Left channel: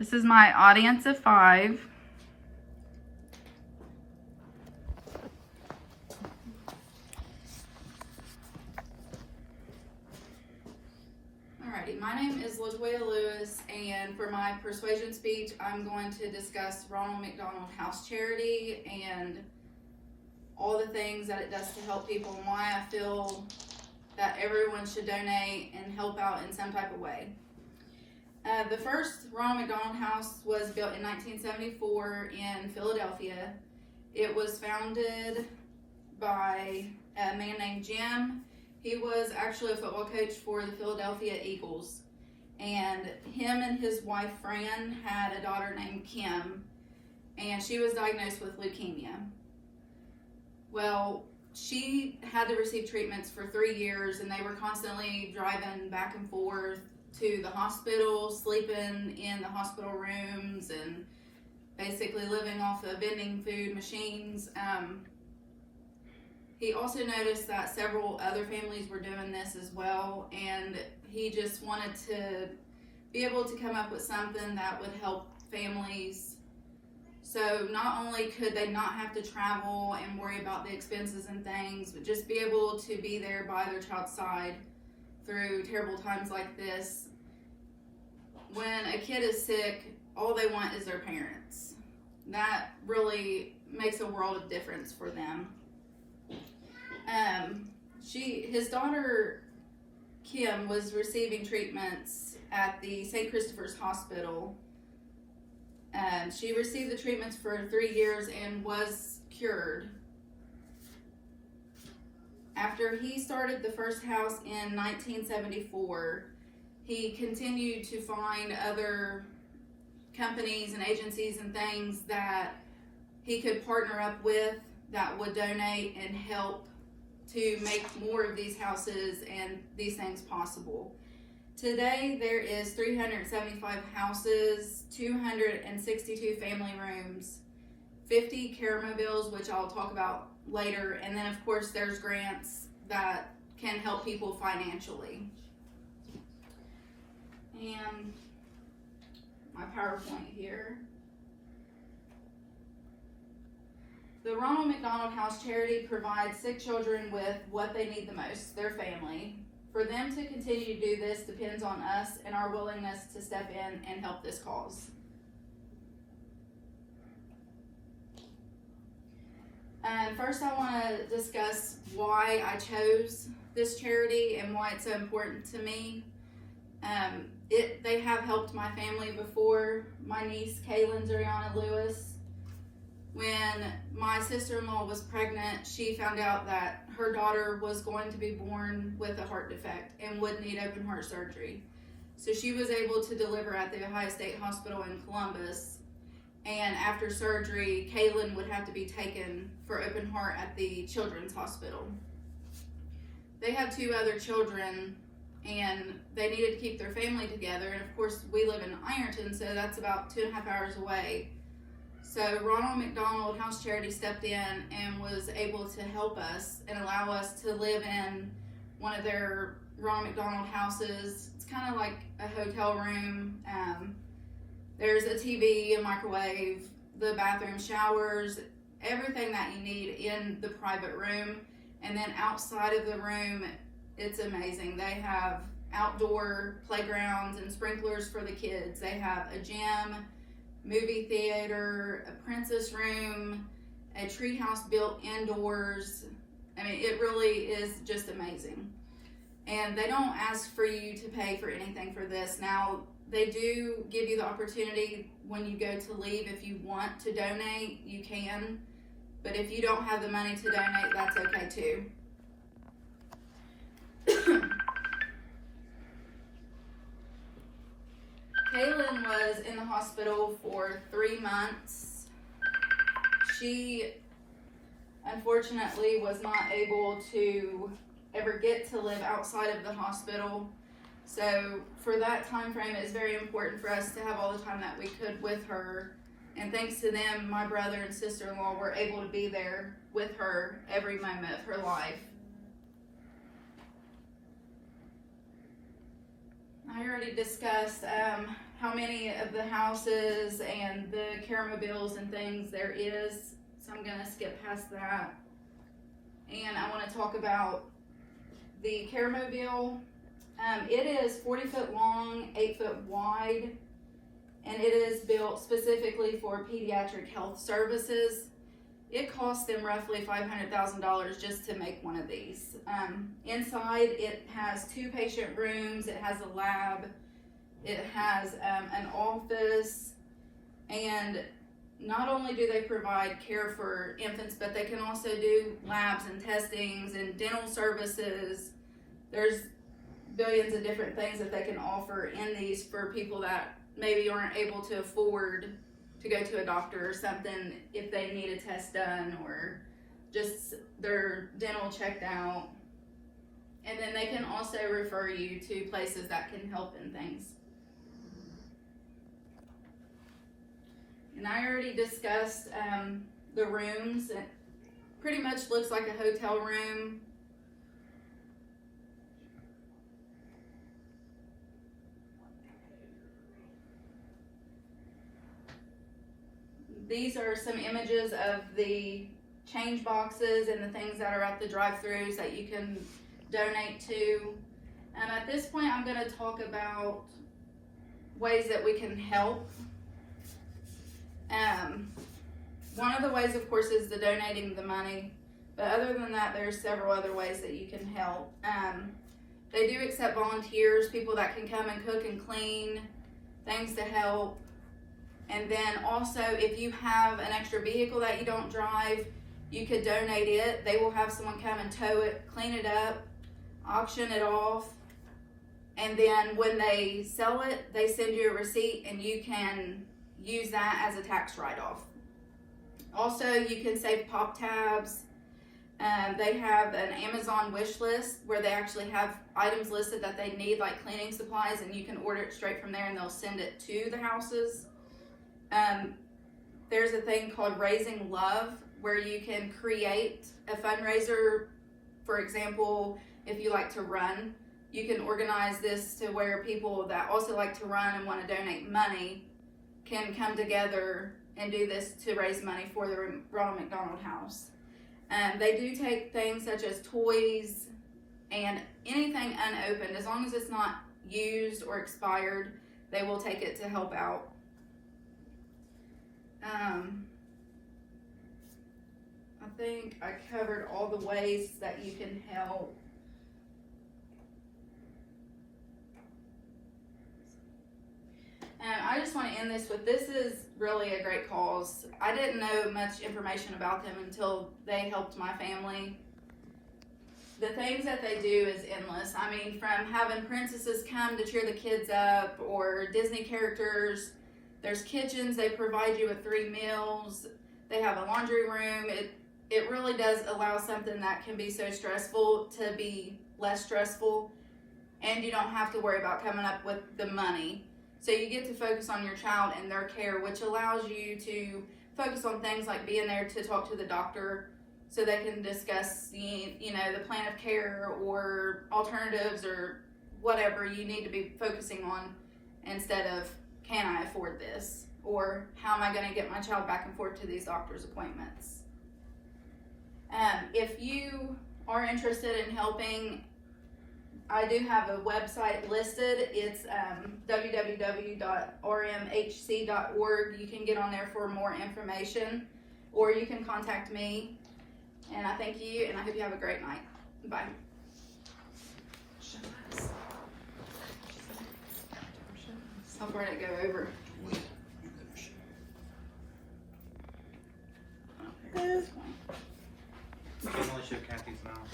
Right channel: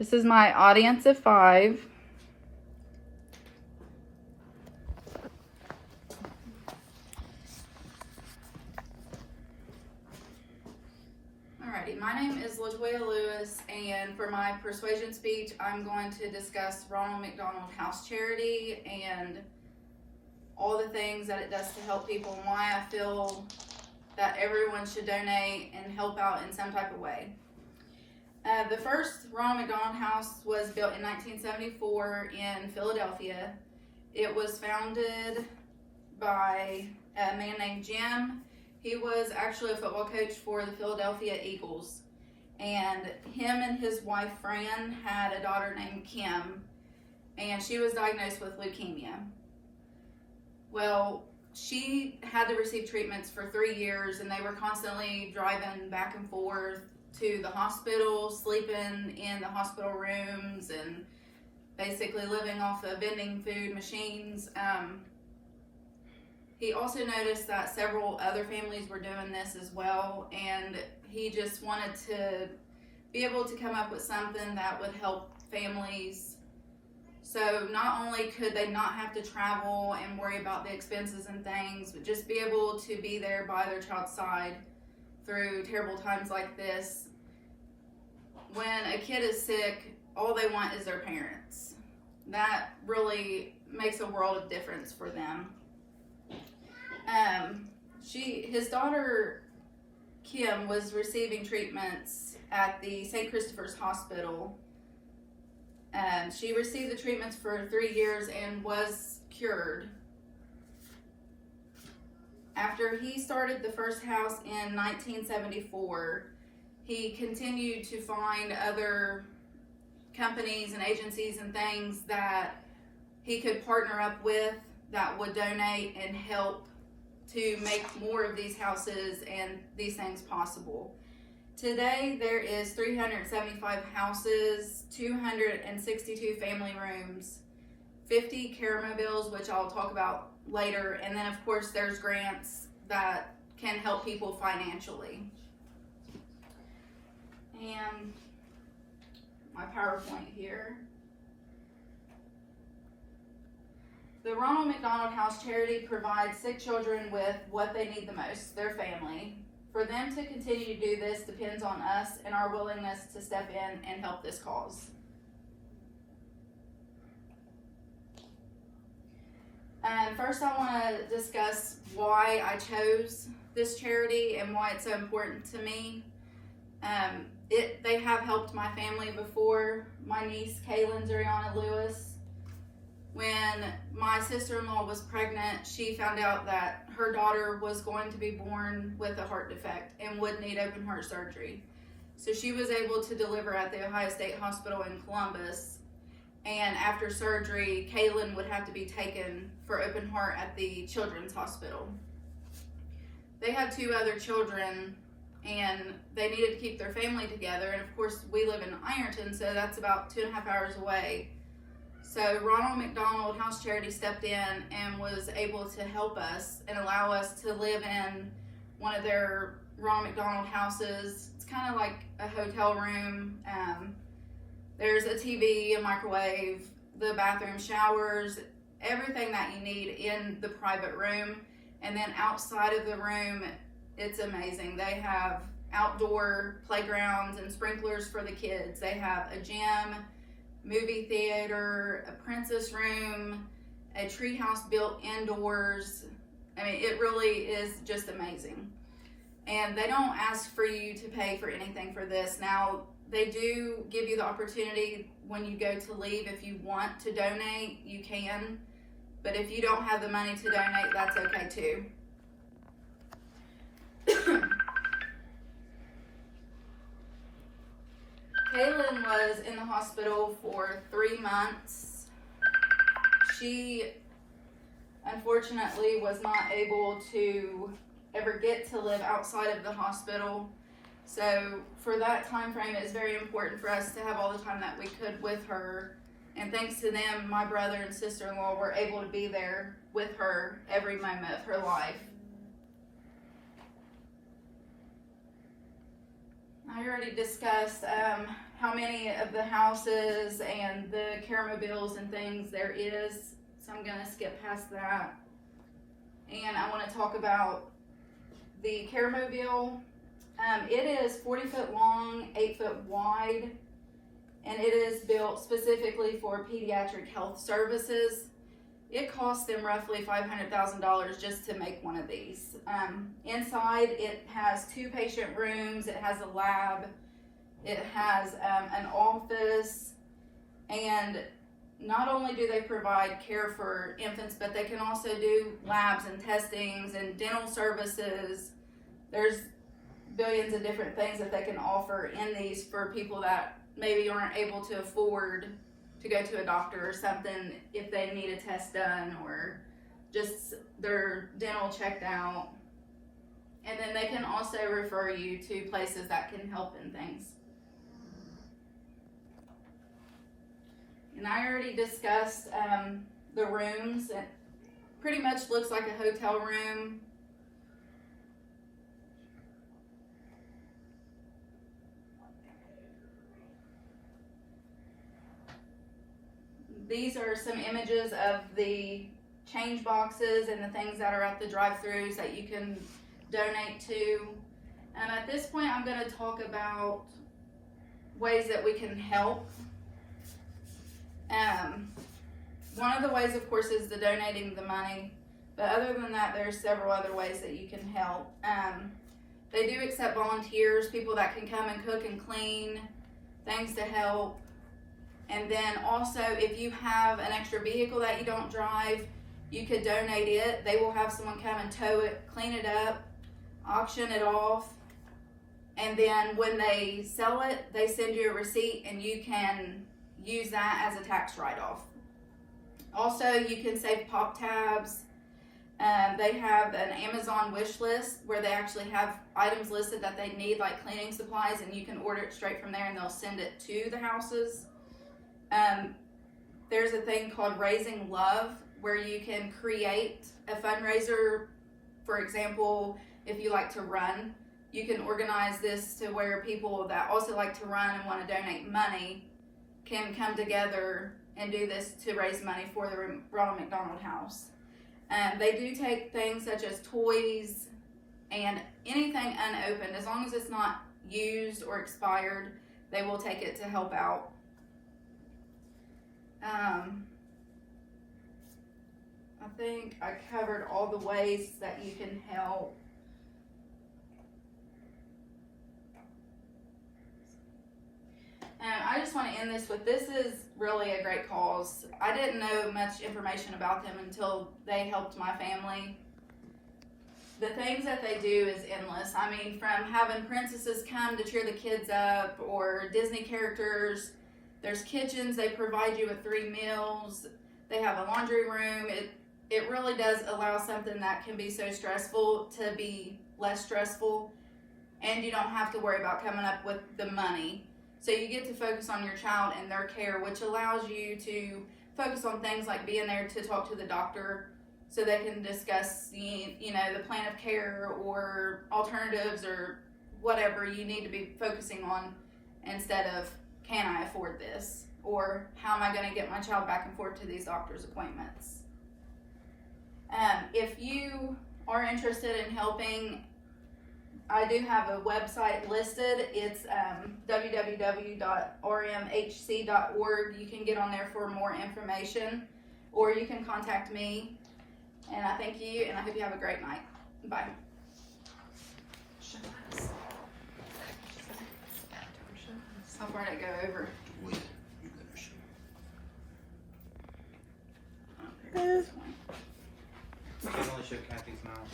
This is my audience of 5. Alrighty, my name is LaToya Lewis, and for my persuasion speech, I'm going to discuss Ronald McDonald House Charity and all the things that it does to help people and why I feel that everyone should donate and help out in some type of way. The first Ronald McDonald House was built in 1974 in Philadelphia. It was founded by a man named Jim. He was actually a football coach for the Philadelphia Eagles. And him and his wife Fran had a daughter named Kim, and she was diagnosed with leukemia. Well, she had to receive treatments for 3 years, and they were constantly driving back and forth to the hospital, sleeping in the hospital rooms, and basically living off of vending food machines. He also noticed that several other families were doing this as well, and he just wanted to be able to come up with something that would help families. So not only could they not have to travel and worry about the expenses and things, but just be able to be there by their child's side through terrible times like this. When a kid is sick, all they want is their parents. That really makes a world of difference for them. His daughter Kim was receiving treatments at the St. Christopher's Hospital. She received the treatments for 3 years and was cured. After he started the first house in 1974, he continued to find other companies and agencies and things that he could partner up with that would donate and help to make more of these houses and these things possible. Today, there is 375 houses, 262 family rooms, 50 care mobiles, which I'll talk about later, and then of course there's grants that can help people financially. And my PowerPoint here. The Ronald McDonald House Charity provides sick children with what they need the most, their family. For them to continue to do this depends on us and our willingness to step in and help this cause. First, I want to discuss why I chose this charity and why it's so important to me. They have helped my family before. My niece, Kaylin Zuriana Lewis, when my sister-in-law was pregnant, she found out that her daughter was going to be born with a heart defect and would need open heart surgery. So she was able to deliver at the Ohio State Hospital in Columbus. And after surgery, Kaylin would have to be taken for open heart at the Children's Hospital. They had 2 other children, and they needed to keep their family together. And of course, we live in Ironton, so that's about 2.5 hours away. So Ronald McDonald House Charity stepped in and was able to help us and allow us to live in one of their Ronald McDonald houses. It's kind of like a hotel room. There's a TV, a microwave, the bathroom, showers, everything that you need in the private room. And then outside of the room, it's amazing. They have outdoor playgrounds and sprinklers for the kids. They have a gym, movie theater, a princess room, a tree house built indoors. I mean, it really is just amazing. And they don't ask for you to pay for anything for this. Now, they do give you the opportunity when you go to leave. If you want to donate, you can. But if you don't have the money to donate, that's okay too. Kaylin was in the hospital for 3 months. She unfortunately was not able to ever get to live outside of the hospital. So for that time frame, it's very important for us to have all the time that we could with her. And thanks to them, my brother and sister-in-law were able to be there with her every moment of her life. I already discussed how many of the houses and the caremobiles and things there is, so I'm gonna skip past that. And I wanna talk about the caremobile. It is 40 foot long, 8 foot wide, and it is built specifically for pediatric health services. It costs them roughly $500,000 just to make one of these. Inside, it has 2 patient rooms, it has a lab, it has an office, and not only do they provide care for infants, but they can also do labs and testings and dental services. There's billions of different things that they can offer in these for people that maybe aren't able to afford to go to a doctor or something if they need a test done or just their dental checked out. And then they can also refer you to places that can help in things. And I already discussed the rooms. It pretty much looks like a hotel room. These are some images of the change boxes and the things that are at the drive-thrus that you can donate to. And at this point, I'm going to talk about ways that we can help. One of the ways, of course, is the donating the money. But other than that, there's several other ways that you can help. They do accept volunteers, people that can come and cook and clean, things to help. And then also, if you have an extra vehicle that you don't drive, you could donate it. They will have someone come and tow it, clean it up, auction it off. And then when they sell it, they send you a receipt and you can use that as a tax write-off. Also, you can save pop tabs. They have an Amazon wish list where they actually have items listed that they need, like cleaning supplies, and you can order it straight from there and they'll send it to the houses. There's a thing called Raising Love where you can create a fundraiser. For example, if you like to run, you can organize this to where people that also like to run and want to donate money can come together and do this to raise money for the Ronald McDonald House. They do take things such as toys and anything unopened. As long as it's not used or expired, they will take it to help out. I think I covered all the ways that you can help. I just want to end this with, this is really a great cause. I didn't know much information about them until they helped my family. The things that they do is endless. I mean, from having princesses come to cheer the kids up, or Disney characters. There's kitchens, they provide you with 3 meals. They have a laundry room. It really does allow something that can be so stressful to be less stressful, and you don't have to worry about coming up with the money. So you get to focus on your child and their care, which allows you to focus on things like being there to talk to the doctor so they can discuss the plan of care or alternatives or whatever you need to be focusing on, instead of, can I afford this? Or how am I going to get my child back and forth to these doctor's appointments? If you are interested in helping, I do have a website listed. It's www.rmhc.org. You can get on there for more information, or you can contact me. And I thank you, and I hope you have a great night. Bye. How far did it go over? You can only show Kathy's mouth.